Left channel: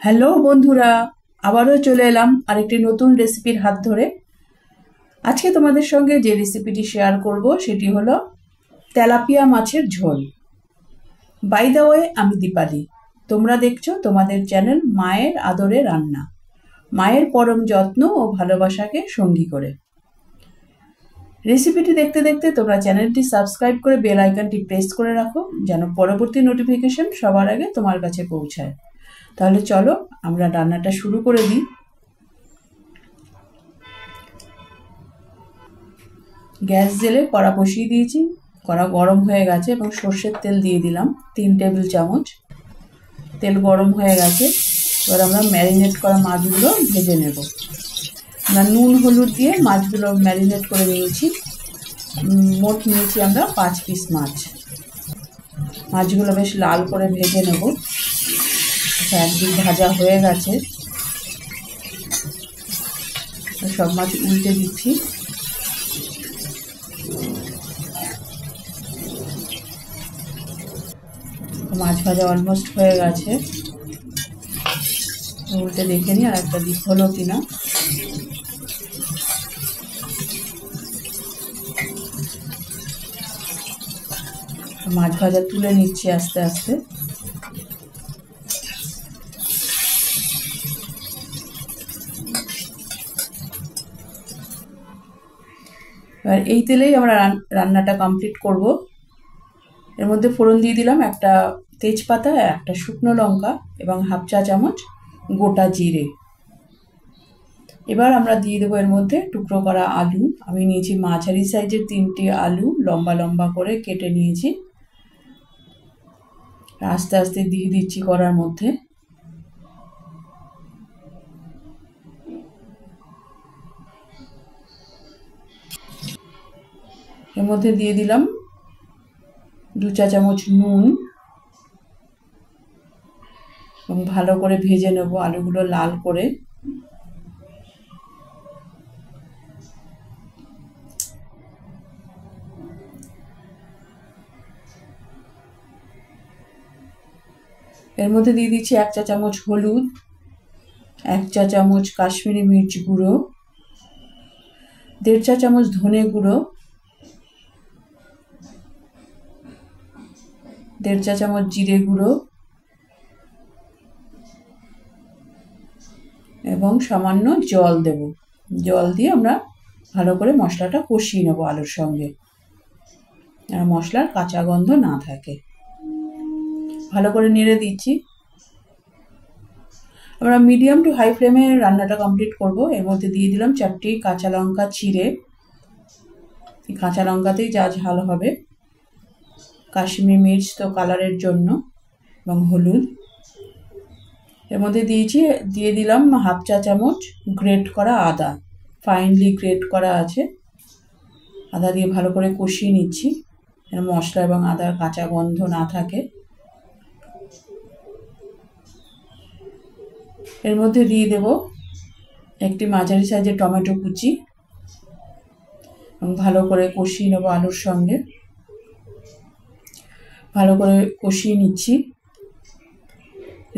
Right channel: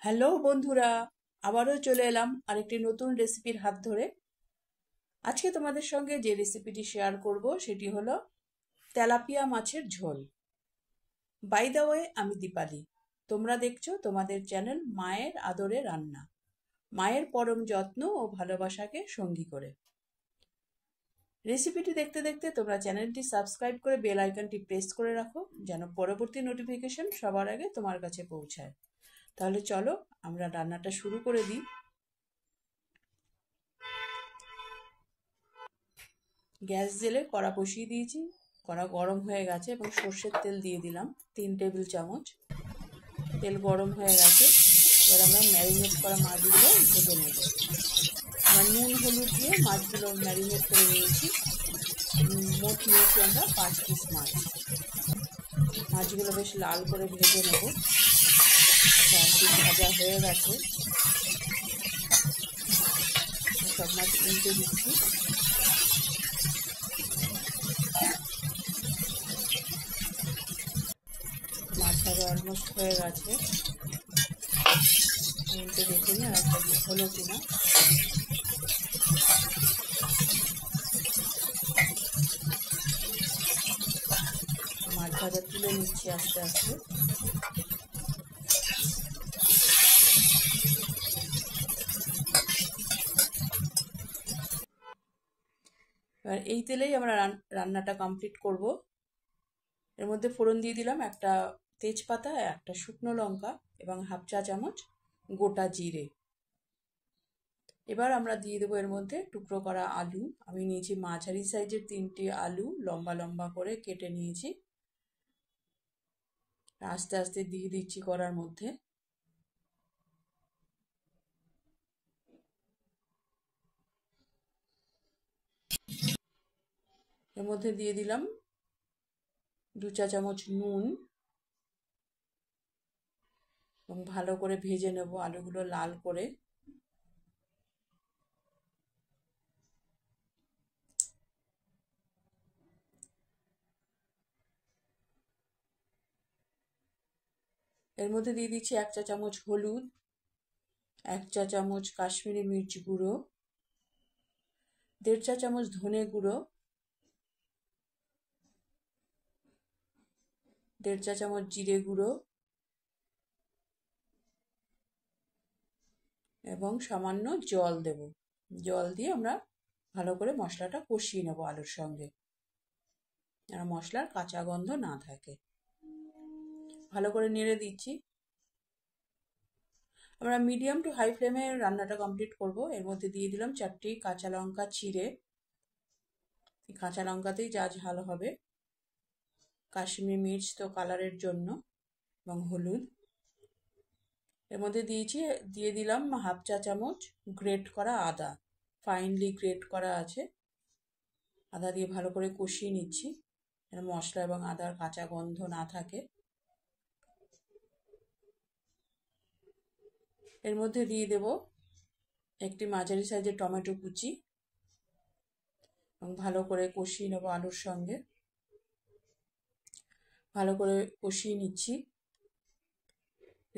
Hello বন্ধুরা, আবারও চলে এলাম আরেকটি নতুন রেসিপির হাত ধরে। আজকে তোমাদের সঙ্গে যে রেসিপিটি শেয়ার করব সেটি হলো তেলাপিয়া মাছের ঝোল। বাই দ্য ওয়ে, আমি দীপালি। তোমরা দেখছো তোমাদের চ্যানেল মায়ের আদরে রান্না, মায়ের পরম যত্ন ও ভালোবাসাকে সঙ্গী করে। রেসিপিটি দেখতে দেখতে তোমরা চ্যানেলটি সাবস্ক্রাইব করে বেল আইকনটি প্রেস করে রাখো, যেন পরবর্তী নোটিফিকেশন সবার আগে তোমার কাছে পৌঁছায়। তাহলে চলো আমরা রান্নাটা শুরু করে দিই। গ্যাস জেলে কড়া বসিয়ে দিয়েছি, কড়া গরম হয়ে গেছে এবং সর্ষের তেল দিয়ে দিলাম 3 টেবিল চামচ। তেল গরম হয়ে গেছে, এবার আমরা ম্যারিনেট করা মাছগুলো ভেজে নেব। আমরা নুন হলুদ দিয়ে মাছগুলো ম্যারিনেট করে নিয়েছি। মোট নিয়েছি আমরা 5 পিস মাছ। মাছগুলো বেশ লাল করে ভেজে নেব। একদিক ভাজা হয়ে গেছে, সব মাছ উল্টে দিচ্ছি। মাছ ভাজা অলমোস্ট হয়ে গেছে, উল্টে দেখে নিই আর একটা দিক হলো কিনা। মাছ ভাজা তুলে নিচ্ছি আস্তে আস্তে। এবার এই তেলেই আমরা রান্নাটা কমপ্লিট করব। এর মধ্যে ফোড়ন দিয়ে দিলাম একটা তেজপাতা, একটা শুকনো লঙ্কা এবং হাফ চা চামচ গোটা জিরে। এবার আমরা দিয়ে দেবো এর মধ্যে টুকরো করা আলু। আমি নিয়েছি মাঝারি সাইজের 3টি আলু, লম্বা লম্বা করে কেটে নিয়েছি। আস্তে আস্তে দিয়ে দিচ্ছি কড়ার মধ্যে। এর মধ্যে দিয়ে দিলাম 2 চা চামচ নুন এবং ভালো করে ভেজে নেব আলুগুলো লাল করে। এর মধ্যে দিয়ে দিচ্ছি 1 চা চামচ হলুদ, 1 চা চামচ কাশ্মীরি মির্চ গুঁড়ো, 1.5 চা চামচ ধনে গুঁড়ো, 1.5 চা চামচ জিরে গুঁড়ো এবং সামান্য জল দেব। জল দিয়ে আমরা ভালো করে মশলাটা কষিয়ে নেব আলুর সঙ্গে, আর মশলার কাঁচা গন্ধ না থাকে। ভালো করে নেড়ে দিচ্ছি। আমরা মিডিয়াম টু হাই ফ্লেমে রান্নাটা কমপ্লিট করব। এর মধ্যে দিয়ে দিলাম 4টি কাঁচা লঙ্কা চিড়ে। এই কাঁচা লঙ্কাতেই যা ঝাল হবে। কাশ্মীরি মির্চ তো কালারের জন্য, এবং হলুদ। এর মধ্যে দিয়ে দিলাম হাফ চা চামচ গ্রেট করা আদা, ফাইনলি গ্রেট করা আছে। আদা দিয়ে ভালো করে কষিয়ে নিচ্ছি, যেন মশলা এবং আদার কাঁচা গন্ধ না থাকে। এর মধ্যে দিয়ে দেব একটি মাঝারি সাইজের টমেটো কুচি এবং ভালো করে কষিয়ে নেব আলুর সঙ্গে। ভালো করে কষিয়ে নিচ্ছি।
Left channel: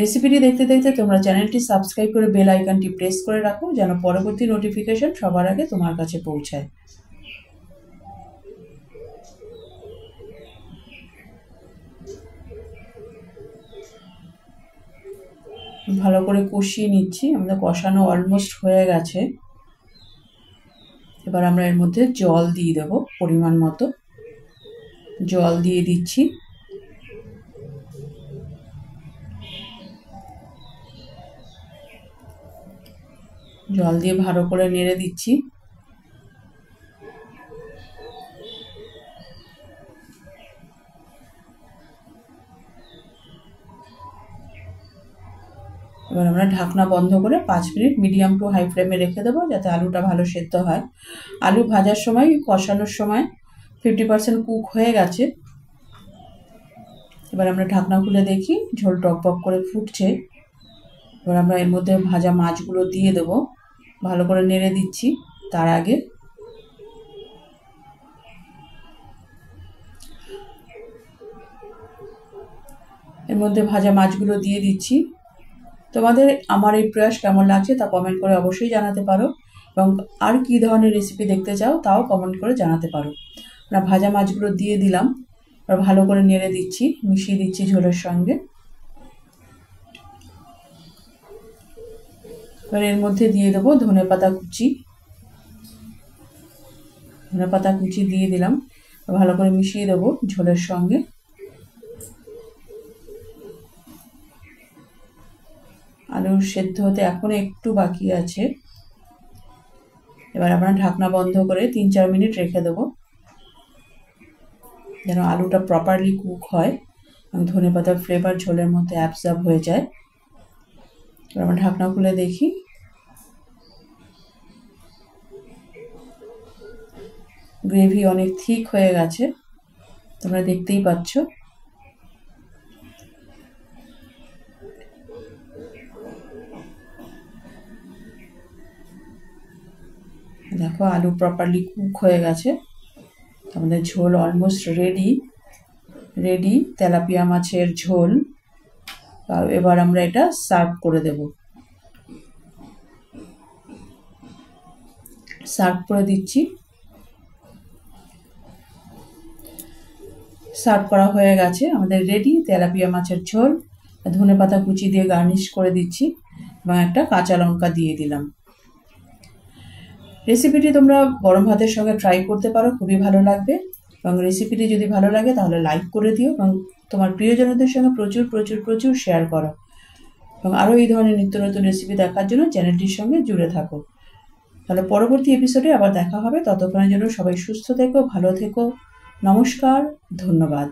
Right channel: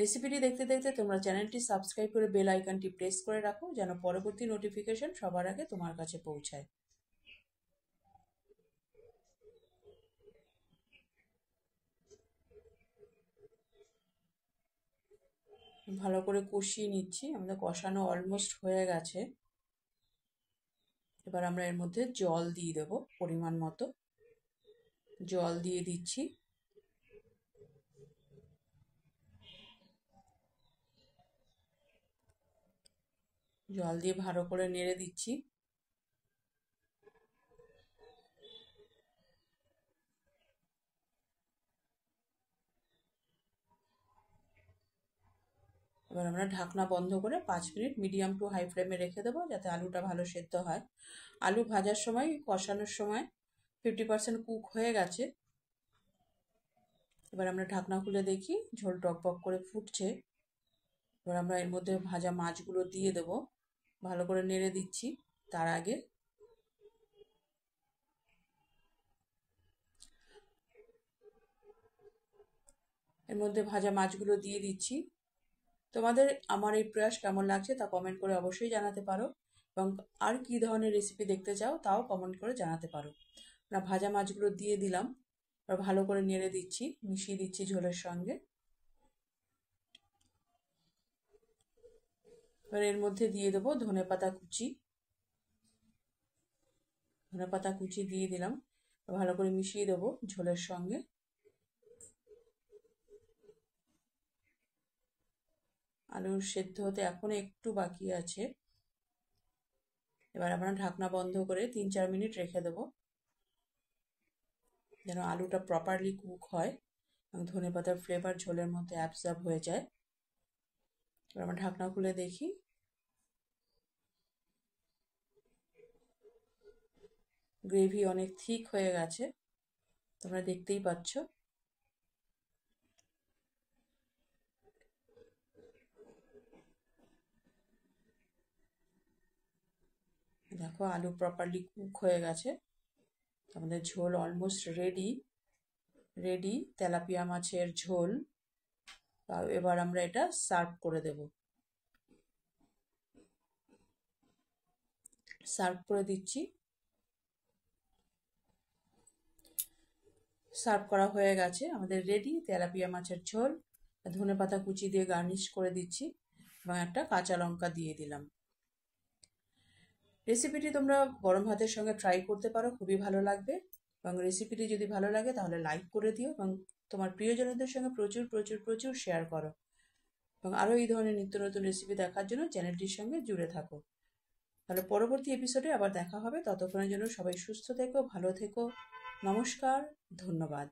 রেসিপিটি দেখতে দেখতে তোমরা চ্যানেলটি সাবস্ক্রাইব করে বেল আইকনটি প্রেস করে রাখো, যেন পরবর্তী নোটিফিকেশন সবার আগে তোমার কাছে পৌঁছায়। ভালো করে কষিয়ে নিচ্ছি। আমাদের কষানো অলমোস্ট হয়ে গেছে। এবার আমরা এর মধ্যে জল দিয়ে দেব পরিমাণ মতো। জল দিয়ে দিচ্ছি। জল দিয়ে ভালো করে নেড়ে দিচ্ছি। এবার আমরা ঢাকনা বন্ধ করে 5 মিনিট মিডিয়াম টু হাই ফ্লেমে রেখে দেবো, যাতে আলুটা ভালো সেদ্ধ হয়। আলু ভাজার সময়, কষানোর সময় 50% কুক হয়ে গেছে। এবার আমরা ঢাকনা খুলে দেখি, ঝোল টকবক করে ফুটছে। এবার আমরা এর মধ্যে ভাজা মাছগুলো দিয়ে দেবো। ভালো করে নেড়ে দিচ্ছি। তার আগে এর মধ্যে ভাজা মাছগুলো দিয়ে দিচ্ছি। তোমাদের আমার এই প্রয়াস কেমন লাগছে তা কমেন্ট করে অবশ্যই জানাতে পারো, এবং আর কী ধরনের রেসিপি দেখতে চাও তাও কমেন্ট করে জানাতে পারো। আমরা ভাজা মাছগুলো দিয়ে দিলাম, আর ভালো করে নেড়ে দিচ্ছি, মিশিয়ে দিচ্ছি ঝোলের সঙ্গে। এবার এর মধ্যে দিয়ে দেবো ধনেপাতা কুচি। ধনেপাতা কুচি দিয়ে দিলাম, ভালো করে মিশিয়ে দেবো ঝোলের সঙ্গে। আলুর সেদ্ধ হতে এখনো একটু বাকি আছে। এবার আমরা ঢাকনা বন্ধ করে 3-4 মিনিট রেখে দেবো, যেন আলুটা প্রপারলি কুক হয় এবং ধনেপাতার ফ্লেভার ঝোলের মধ্যে অ্যাবজর্ব হয়ে যায়। এবার আমরা ঢাকনা খুলে দেখি, গ্রেভি অনেক থিক হয়ে গেছে, তোমরা দেখতেই পাচ্ছ। দেখো আলু প্রপারলি কুক হয়ে গেছে, আমাদের ঝোল অলমোস্ট রেডি তেলাপিয়া মাছের ঝোল। এবার আমরা এটা সার্ভ করে দেব। সার্ভ করে দিচ্ছি। সার্ভ করা হয়ে গেছে, আমাদের রেডি তেলাপিয়া মাছের ঝোল। ধনেপাতা কুচি দিয়ে গার্নিশ করে দিচ্ছি এবং একটা কাঁচা লঙ্কা দিয়ে দিলাম। রেসিপিটি তোমরা গরম ভাতের সঙ্গে ট্রাই করতে পারো, খুবই ভালো লাগবে। এবং রেসিপিটি যদি ভালো লাগে তাহলে লাইক করে দিও এবং তোমার প্রিয়জনদের সঙ্গে প্রচুর প্রচুর প্রচুর শেয়ার করো। এবং আরও এই ধরনের নিত্য নতুন রেসিপি দেখার জন্য চ্যানেলটির সঙ্গে জুড়ে থাকো। তাহলে পরবর্তী এপিসোডে আবার দেখা হবে, ততক্ষণের জন্য সবাই সুস্থ থেকো, ভালো থেকো। নমস্কার, ধন্যবাদ।